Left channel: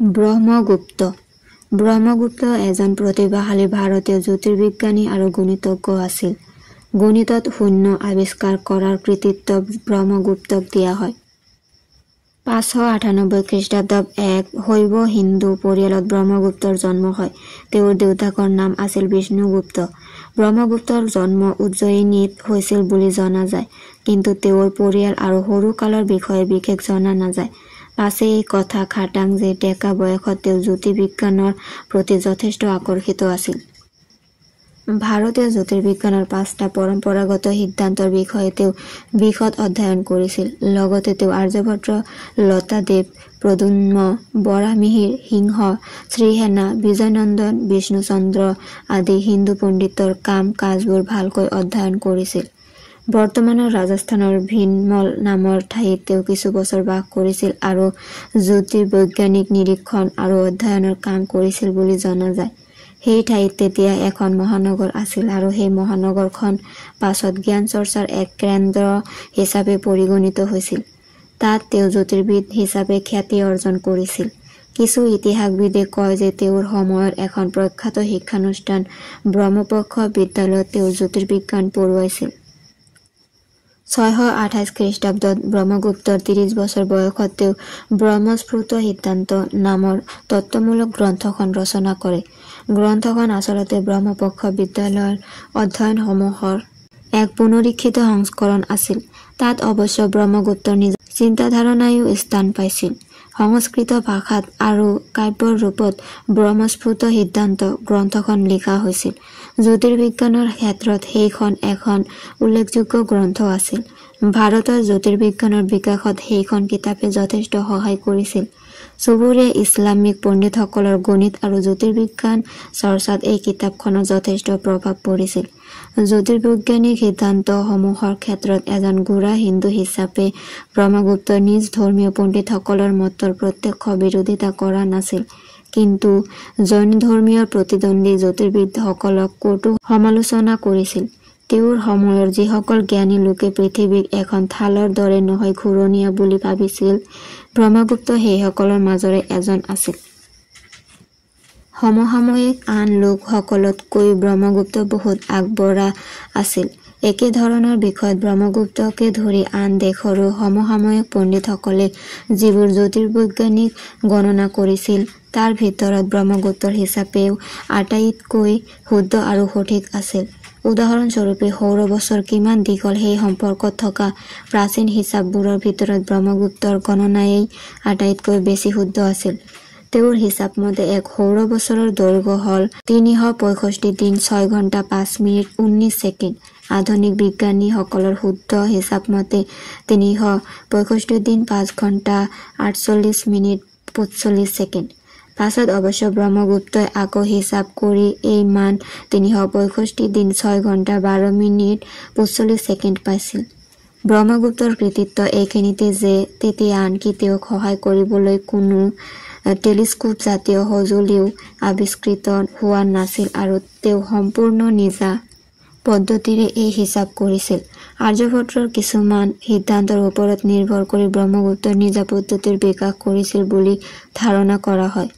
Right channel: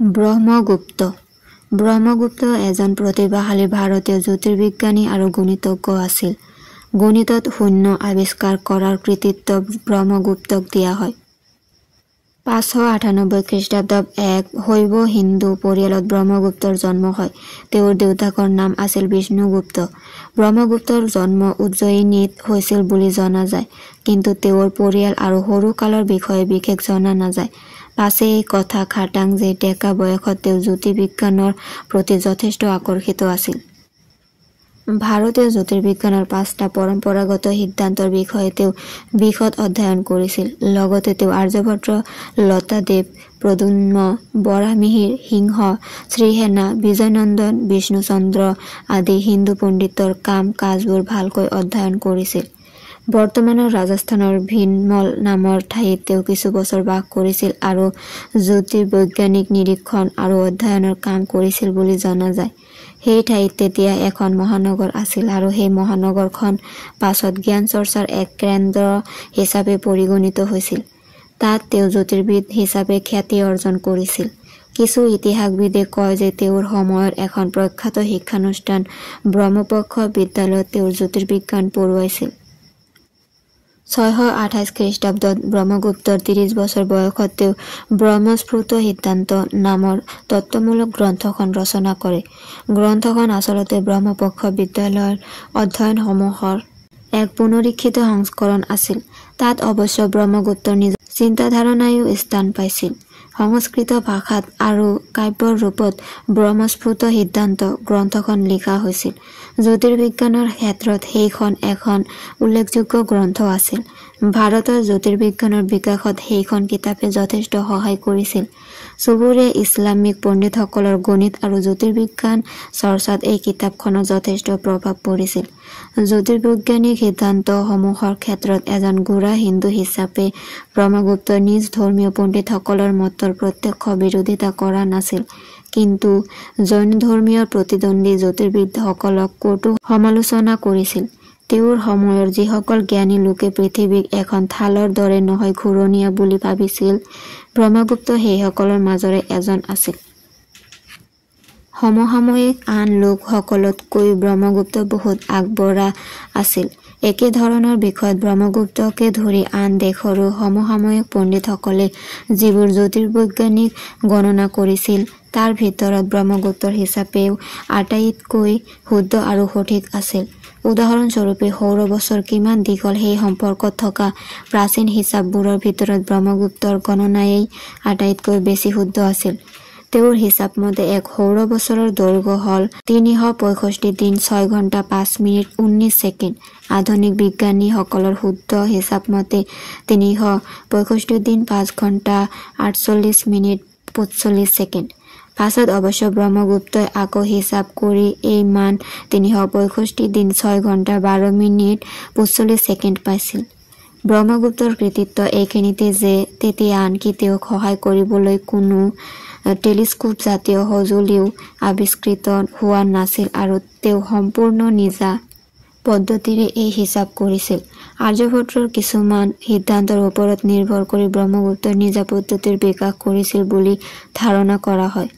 ব্ৰহ্মগুপ্ত ব্ৰহ্মগুপ্ত এজন প্ৰতিভাশালী ভাৰতীয় জ্যোতিৰ্বিজ্ঞানী আৰু গণিতজ্ঞ আছিল। গণিতত শূন্য আৱিষ্কাৰ কৰাৰ কৃতিত্ব ব্ৰহ্মগুপ্তক দিয়া হয়। 598 খ্ৰীষ্টাব্দত এক শৈৱ হিন্দু পৰিয়ালত ব্ৰহ্মগুপ্তৰ জন্ম হয়। তেওঁৰ দেউতাকৰ নাম আছিল বিষ্ণুগুপ্ত। ব্ৰহ্মগুপ্তৰ জন্ম উজ্জয়িনীত হৈছিল বুলি জনা যায়, কিন্তু তেওঁৰ পৰিয়াল আৰু সৰুকালৰ বিষয়ে বিশেষ জনা নাযায়। পাছে এই কথা খাটাং যে ডেকা বয়সত তেওঁ জ্যোতিৰ্বিজ্ঞানৰ প্ৰতি যথেষ্ট আকৰ্ষিত আছিল। ভাৰতীয় জ্যোতিৰ্বিজ্ঞানৰ 5টা পৰম্পৰাগত সিদ্ধান্তৰ বিষয়ে তেওঁ বিশদ অধ্যয়ন কৰিছিল। লগতে তেওঁ আৰ্যভট্ট, লতাদেৱ, প্ৰদ্যুম্ন, বৰাহমিহিৰ, সিংহ, শ্ৰীসেনা, বিজয়নন্দন, বিষ্ণুচন্দ্ৰ আদি হিন্দু পণ্ডিতৰ কাম কাজবোৰ ভালকৈ অধ্যয়ন কৰিছিল। বৰ্তমানৰ ৰাজস্থানৰ ভিনমল নামৰ ঠাইত তেওঁ কিছু বছৰ বাস কৰিছিল আৰু জ্যোতিৰ্বৈজ্ঞানিক নিৰীক্ষণ আৰু অধ্যয়নৰ কাম কৰিছিল বুলি জনা যায়। সেই ঠাইত তেতিয়া এখন মহানগৰ আছিল আৰু সেই মহানগৰখন পাছত জ্ঞান চৰ্চাৰ এক কেন্দ্ৰ হিচাপে পৰিগণিত হৈছিল। তাত তেওঁ জ্যোতিৰ্বিদ হিচাপে খ্যাতি অৰ্জন কৰিছিল। কিছু ইতিহাসবিদে কয় যে তেওঁৰ সময়ৰ এখন প্ৰখ্যাত শিক্ষানুষ্ঠান ব্ৰহ্মপক্ষ বিদ্যালয়ত তেওঁ জ্যোতিৰ্বিজ্ঞান পঢ়ুৱাইছিল। 628 খ্ৰীষ্টাব্দত ব্ৰহ্মগুপ্তৰ 30 বছৰ বয়সত তেওঁ ব্ৰহ্মস্ফুট সিদ্ধান্ত নামৰ তত্ত্বমূলক গ্ৰন্থখন ৰচনা কৰে। গ্ৰন্থখন আচলতে ব্ৰহ্মপক্ষ বিদ্যালয়ৰ অধ্যয়নসমূহৰ এক পুনৰীক্ষিত সংস্কৰণ আছিল। তাত অৱশ্য ব্ৰহ্মগুপ্তৰ নিজ চিন্তাধাৰণায়ো স্থান পাইছিল। সংস্কৃত ভাষাত আৰু কাব্যৰ ৰূপত ব্ৰহ্মস্ফুট সিদ্ধান্ত গ্ৰন্থখন লিখা হৈছিল। জ্যোতিৰ্বিজ্ঞানৰ ক্ষেত্ৰত সেইখন এখন উল্লেখযোগ্য গ্ৰন্থ আছিল। ভাৰতৰ জ্যোতিৰ্বিজ্ঞানৰ বিকাশত সেইখন কিতাপে যথেষ্ট সহায় কৰিছিল। চুবুৰীয়া ইছলামিক পণ্ডিতসকলৰ গণিত আৰু জ্যোতিৰ্বিজ্ঞান চৰ্চাত এই কিতাপখনৰ যথেষ্ট প্ৰভাৱ পৰিছিল। জ্যোতিৰ্বৈজ্ঞানিক সিদ্ধান্তসমূহৰ ক্ষেত্ৰত এজন গোড়া হিন্দু হিচাপে ব্ৰহ্মগুপ্তই নিজ ধৰ্মীয় পণ্ডিতসকলৰ মতৰ প্ৰত্যক্ষ বিৰোধিতা কৰা নাছিল, কিন্তু জৈন ধৰ্মীয় প্ৰতিদ্বন্দ্বী জ্যোতিৰ্বিদসকলক কটু সমালোচনা কৰিছিল। তেওঁৰ সময়ৰ যিসকল জ্ঞানী লোকে পৃথিৱীক এখন থালৰ দৰে নহয় ঘূৰণীয়া বুলি ভাবিছিল, ব্ৰহ্মগুপ্ত সেইসকলৰ মাজৰে এজন আছিল। সমসাময়িক আন লোকসকলতকৈ ব্ৰহ্মগুপ্ত বহুত আগবঢ়া আছিল। একে ধৰণৰ বিষয়ত ব্ৰহ্মগুপ্তকে ধৰি আন দেশৰো সমসাময়িক পণ্ডিতসকলে যিবোৰ জ্যোতিৰ্বৈজ্ঞানিক গণনা কৰিছিল, তাৰ ভিতৰত ব্ৰহ্মগুপ্তৰ হিচাপেও আটাইতকৈ শুদ্ধ আৰু সঠিক আছিল। উদাহৰণস্বৰূপে সৌৰ বছৰ কিমান দীঘল সেই সম্পৰ্কত থকা প্ৰাচীন হিচাপবোৰৰ ভিতৰত ব্ৰহ্মগুপ্তৰ গণনায়েই আটাইতকৈ বেছি শুদ্ধ আছিল। তেওঁৰ হিচাপ মতে এক সৌৰ বছৰৰ দৈৰ্ঘ্য হ'ল 365 দিন 6 ঘণ্টা 5 মিনিট 19 ছেকেণ্ড। আধুনিক বিজ্ঞানীসকলৰ শুদ্ধ হিচাপ মতে 365 দিন 5 ঘণ্টা 48 মিনিট 45 ছেকেণ্ড। পাছত অৱশ্য ব্ৰহ্মগুপ্তই আকৌ হিচাপ কৰি এই মান 365 দিন 6 ঘণ্টা 12 মিনিট 45 ছেকেণ্ড পাইছিল। ব্ৰহ্মগুপ্তৰ কৃতিত্ব এইখিনিতে যে তেতিয়া আনকি তেওঁক সহায় কৰিবলৈ কোনো টেলিস্কোপ জাতীয় সঁজুলিও আৱিষ্কৃত হোৱা নাছিল আৰু তেওঁ সম্পূৰ্ণ নিজা পদ্ধতিৰে এই হিচাপ কৰিছিল। আৰ্যভট্টৰ কিছুমান সিদ্ধান্তৰ ওপৰত নিৰ্ভৰ কৰি ব্ৰহ্মগুপ্তৰ নিজা পদ্ধতিৰ বিকাশ কৰিছিল বুলি ধাৰণা কৰা হয়।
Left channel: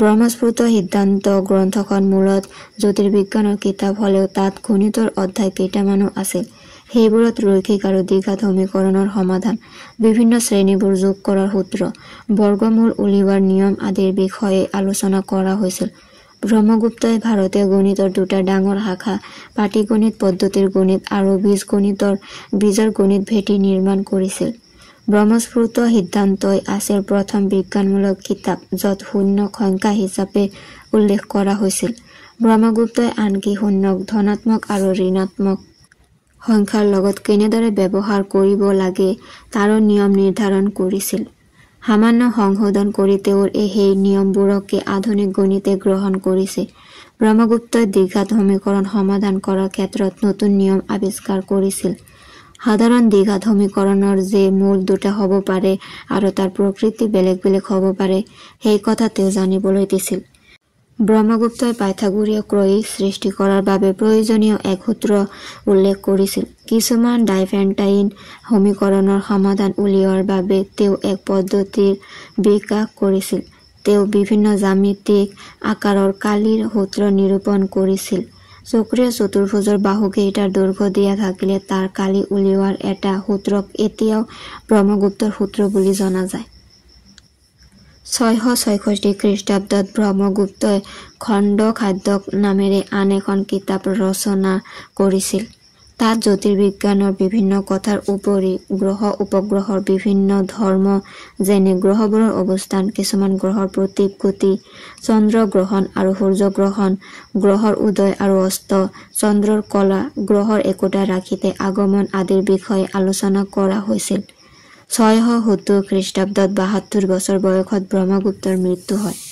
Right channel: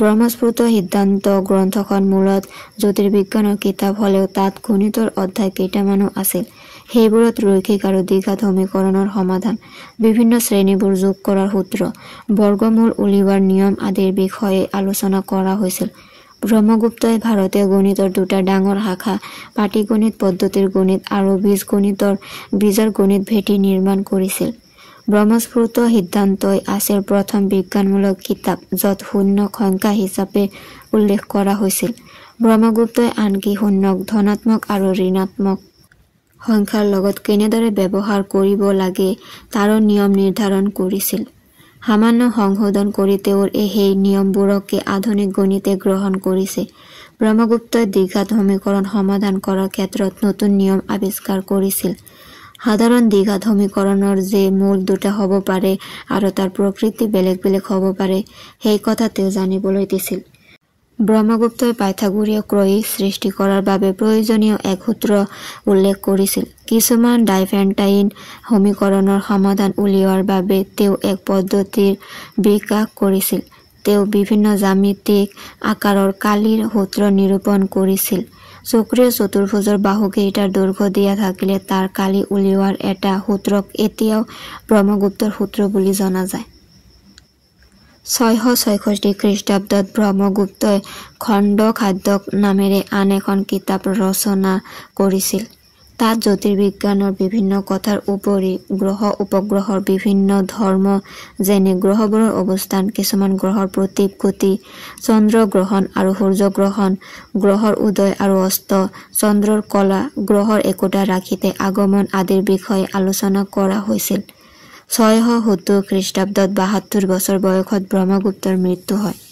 ব্ৰহ্মস্ফুট সিদ্ধান্ত গ্ৰন্থখন মূলত জ্যোতিৰ্বিজ্ঞানৰ কিতাপ হ'লেও তাত গণিতৰ অধ্যায় কেইটামানো আছিল। সেইবোৰত ৰৈখিক আৰু দ্বিঘাত সমীকৰণৰ সমাধান, বিভিন্ন শ্ৰেণীবোৰ যোগ কৰাৰ সূত্ৰ, বৰ্গমূল উলিওৱাৰ নিয়ম আদিৰ বিষয়ে আলোচনা কৰা হৈছিল। ব্ৰহ্মগুপ্তই ভাৰতীয় গণিতৰ দুটা ডাঙৰ শাখা পাটীগণিত পদ্ধতিৰ গণিত আৰু বীজগণিতৰ বীজৰ গণিত ভেটি নিৰ্মাণ কৰিছিল। ব্ৰহ্মস্ফুট সিদ্ধান্তই আছিল প্ৰথম বিজ্ঞানমূলক কিতাপ য'ত শূন্যক সংখ্যা হিচাপে উল্লেখ কৰা হৈছিল। ব্ৰহ্মগুপ্তই আনকি শূন্যক ধনাত্মক আৰু ঋণাত্মক সংখ্যাৰ লগত কেনেদৰে ব্যৱহাৰ কৰিব লাগে তাৰো নিয়ম নিৰ্ধাৰণ কৰিছিল। সামান্য সংশোধন কৰি তেওঁৰ সেই নিয়মবোৰকে আধুনিক গণিতে গ্ৰহণ কৰিছে। ব্ৰহ্মগুপ্তই দ্বিঘাত সমীকৰণ সমাধান কৰাৰ ক্ষেত্ৰত নতুন নিয়ম আৱিষ্কাৰ কৰিছিল। সাধাৰণ দ্বিঘাত সমীকৰণৰ যে মূল দুটা হ'ব পাৰে আৰু তাৰ প্ৰকৃতি বেলেগ বেলেগ হ'ব পাৰে, সেই কথা তেওঁ জানিবলৈ দিছিল। ব্ৰহ্মগুপ্তই পাইথাগোৰীয় ক্ৰয়িক সৃষ্টি কৰাৰ বাবে প্ৰয়োজনীয় এক সূত্ৰ উল্লেখ কৰিছিল। কিছুমান ডাইফেণ্টাইন সমীকৰণৰ সমাধান উলিওৱাৰ বাবে তেওঁ এক পদ্ধতিৰ বিকাশ কৰিছিল। তেওঁ বিভিন্ন জ্যামিতিক আকাৰৰ কালিৰ সূত্ৰ নিৰূপণ কৰিছিল। চক্ৰীয় চতুৰ্ভুজৰ বাহুকেইটাৰ দৈৰ্ঘ্য দিয়া থাকিলে তাৰ কালি উলিওৱাৰ এটা সূত্ৰক এতিয়াও ব্ৰহ্মগুপ্তৰ সূত্ৰ বুলি জনা যায়। 666 খ্ৰীষ্টাব্দত ব্ৰহ্মগুপ্তই খণ্ড খাদ্যক নামেৰে আন এখন কিতাপ ৰচনা কৰিছিল। তাত জ্যোতিৰ্বিজ্ঞানৰ বিভিন্ন কথাৰ উপৰি গ্ৰহ উপগ্ৰহৰ বিভিন্ন ধৰ্ম যেনে গ্ৰহবোৰৰ অৱস্থান, কিছুমান গ্ৰহৰ প্ৰতীক গতি, চন্দ্ৰ গ্ৰহণ আৰু সূৰ্য গ্ৰহণ, গ্ৰহৰ উদয় আৰু অস্ত, চন্দ্ৰৰ কলা, গ্ৰহৰ একোটা ৰাশিতে আগমন আদিৰ বিষয়ে আলোচনা কৰা হৈছিল। 670 খ্ৰীষ্টাব্দত 72 বছৰ বয়সত ব্ৰহ্মগুপ্তৰ মৃত্যু হয়।